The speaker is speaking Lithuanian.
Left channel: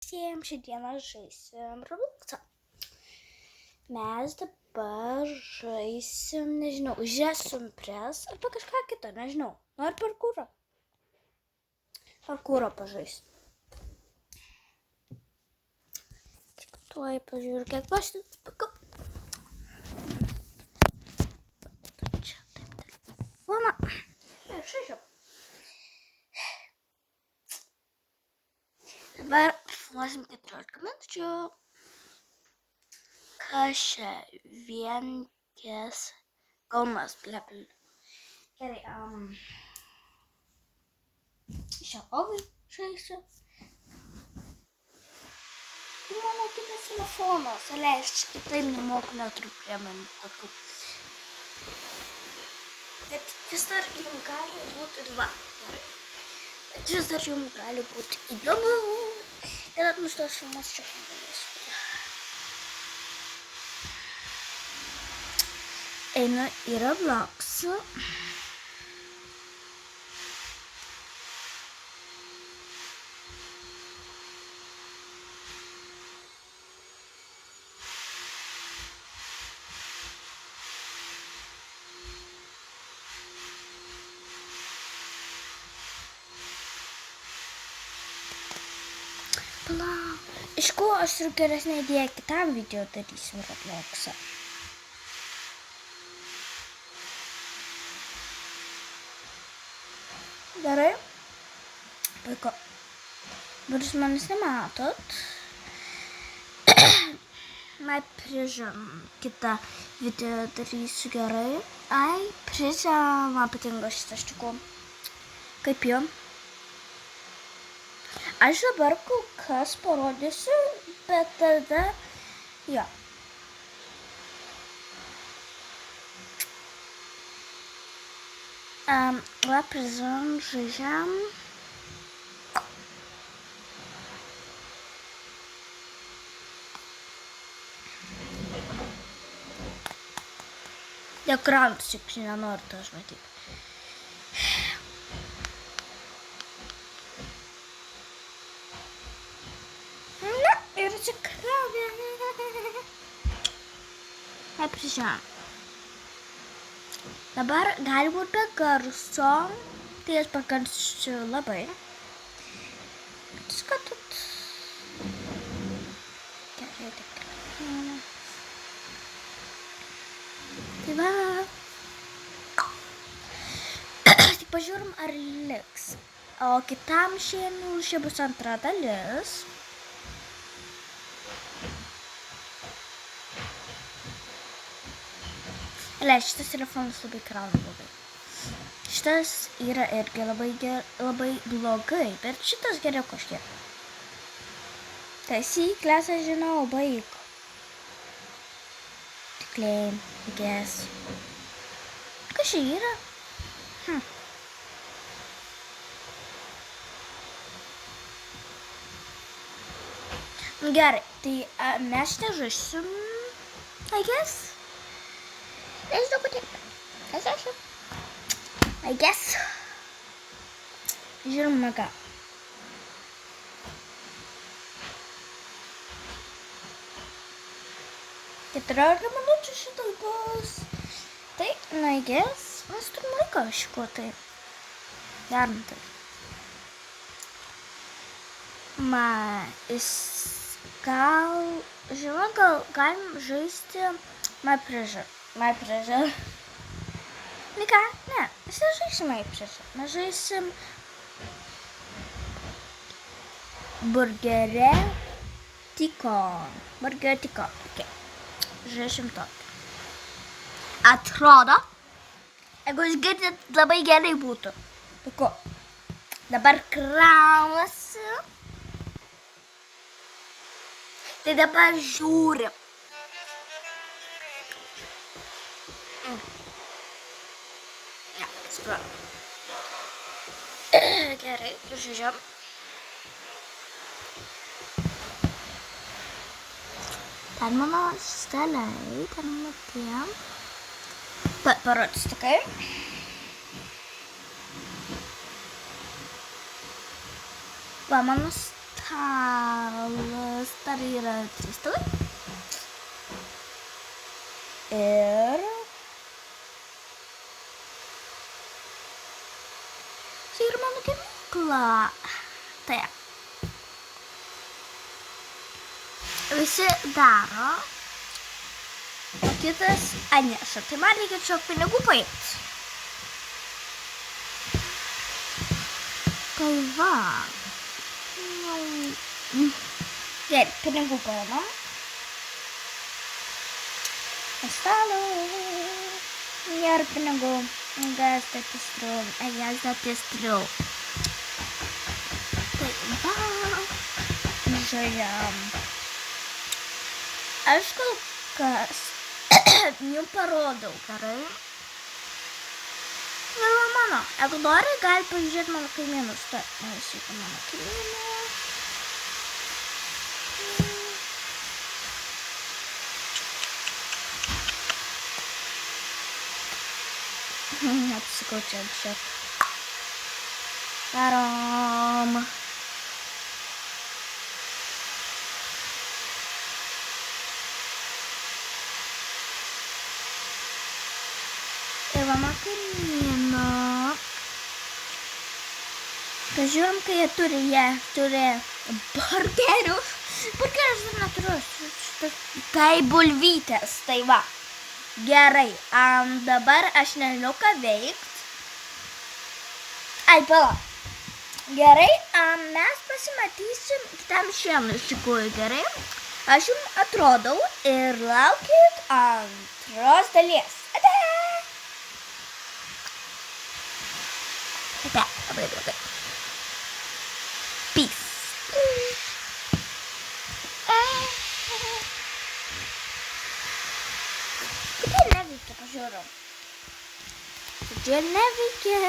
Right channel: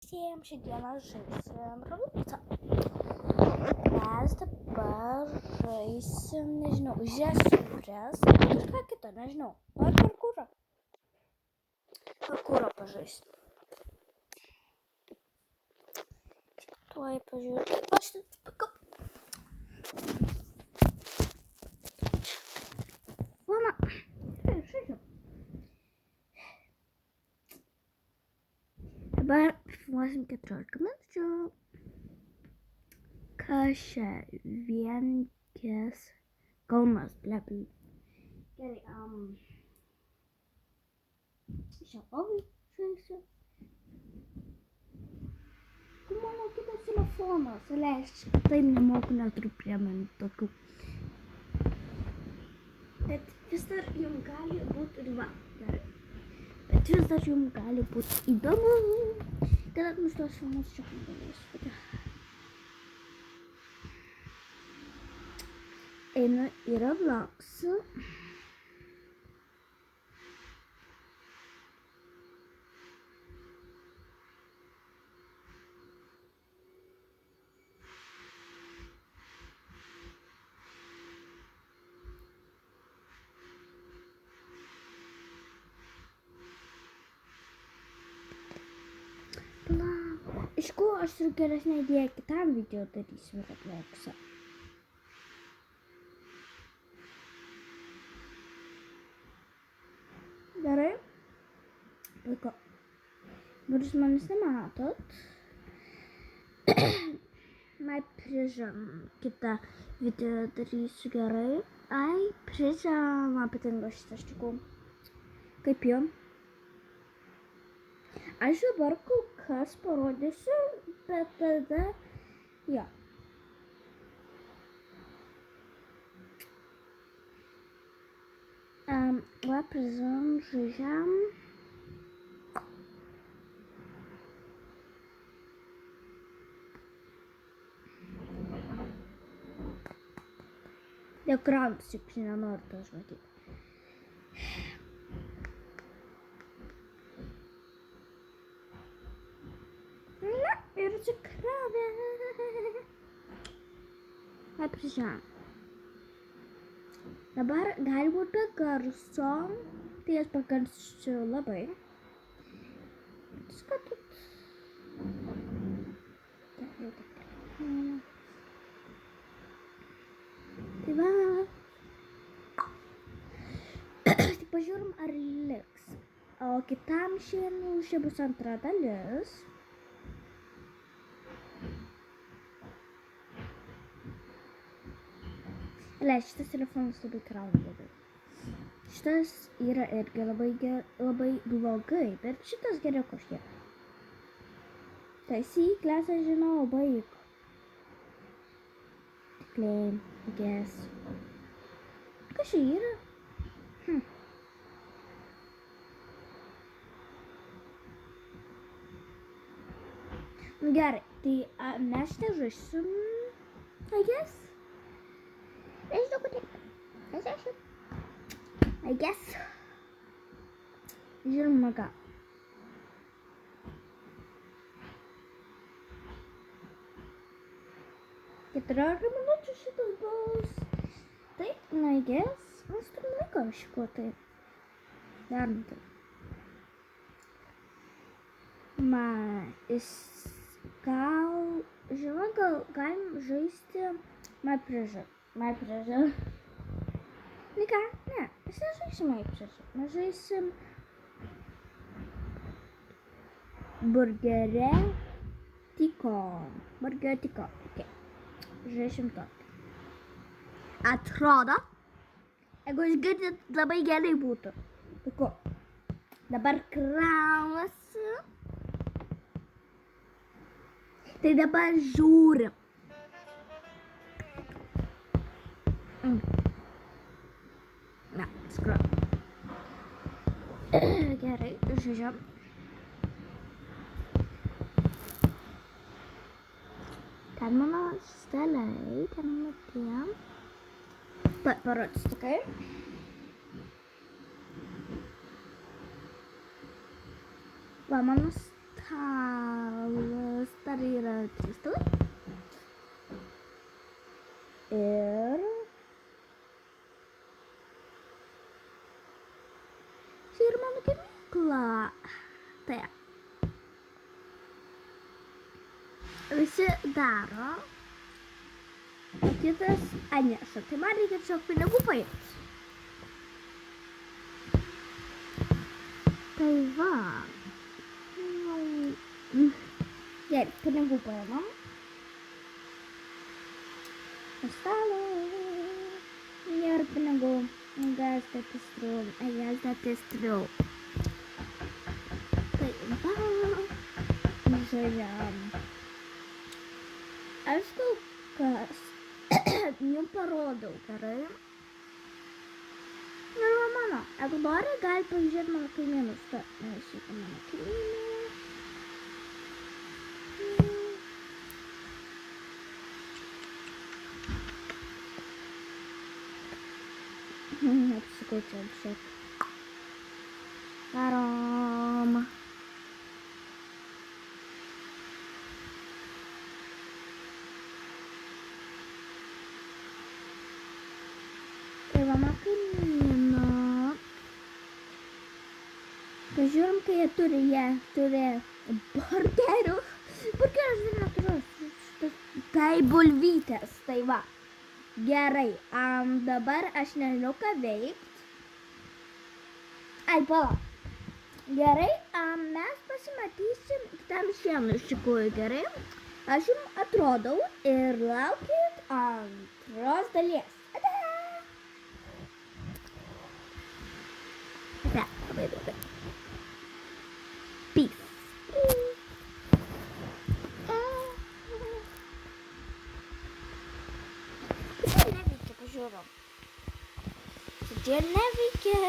Visiems šiandieną žaisim Robloxą. Mes dabar žaisim, nežinau, žiesim pres arba kažką kitą, nežinau. Nori parkūrą? Parkūrą pažaisim. Tuoj pažiūrėk, kiek aš atspakau. Mama. Šašiu. Dabar filmuosim 14 minučių. Kas čia vienkės Kaunas, blepil. Gerai, šią ovį žaisiu. Tai mano kitas telefonas, leist, taip nemoku, neturiu priemonių tokių. Bet vis dar jums gali būti dva. Gerai. Bet vis dar jums gali būti įdomu. Kada nustos filmas čia padarys. Einu į Robloxą. Iš ko aš turiu geresnę idėją kitam video darysim Robloxą. Gerai. Puiku. Bet jūs manęs nematot. Mai prižam kitą video darysiu gerai. Ai, prižam, man patinka šitas čiukų. Kaip jo? Aš dabar kol kas parodysiu, bet tada, jo. Va, prizam, žaidžiam. Ekranas, juk nenoriu to aš matyti. Na, ir atsikravė. Vai, prizam. Dabar gali būti be garso, tai aš pagarsiu labai. Skatot. Gerai, tikrai. Tai va. Tai pažiūrim, ar liks. O kitam šiandien čia bus antra dalis. Šitas telefonas labai krauna blogai. Šitas yra irgi labai blogai, bet šitas geriau kažkiek. Taisyklės aš žinau, baig. Tikliai, guess. Kas čia yra? Gerai, tai mes nežaisim, I guess. Nežinau, kodėl. Nežinau. I guess. Žiūrim, ką. Keturiolika minučių šitai bus. Tai, I guess, mes turim laiką šiko tai. Darom tai. Gal galim žaisti My Pleasure. My Pleasure. Ką? Ne, mes nežaisim My Pleasure. Mes žaisim Burgerė Tikon. Burgerė Tikon. Okay. Žaisim to. Atrodo, jeigu jūs girdit, labai gerai būtų. Puiku. Dabar kraunasi. Tai dabar žiūrim. Ne, skruoju. Gerai, žiūrėjom. Ten mano steliai, ten mano tiem. Parodys tokai. Va, mano stalas. Dar yra 3 stalai. Ir čia yra mano gamykla. Tai. Visi daro. O kitas atneša. Tai man reikia čia pinigų paimti. Tai va. Gerai, pinigų paimam. Stalo. Nėra pinigų. Gazdatės triau. Tai va. Žaidžiam. Aš kol kas jums parodau, gerai? Ir mano. Jeigu nori, gali pažiūrėti mano kaimynus. Taip, neįsiūti mano kaimynų. Apsikau čia. Varom. Ir mano kaimynų. Pažiūrim, kai jie turi burgerių. Burgerius dar neturiu. Tai bulvytės, tai va. Gerai, dabar aš nežinau ką veikt. Ai, pala. Gerai, mes pasimatysim kitam šiandien iš tikrųjų, gerai? Aš jums atrodau ir laukit antros dalies. Ate! Ate, labai blogai. Peace. Čia neveikia, pažiūrėjau. Čia neveikia.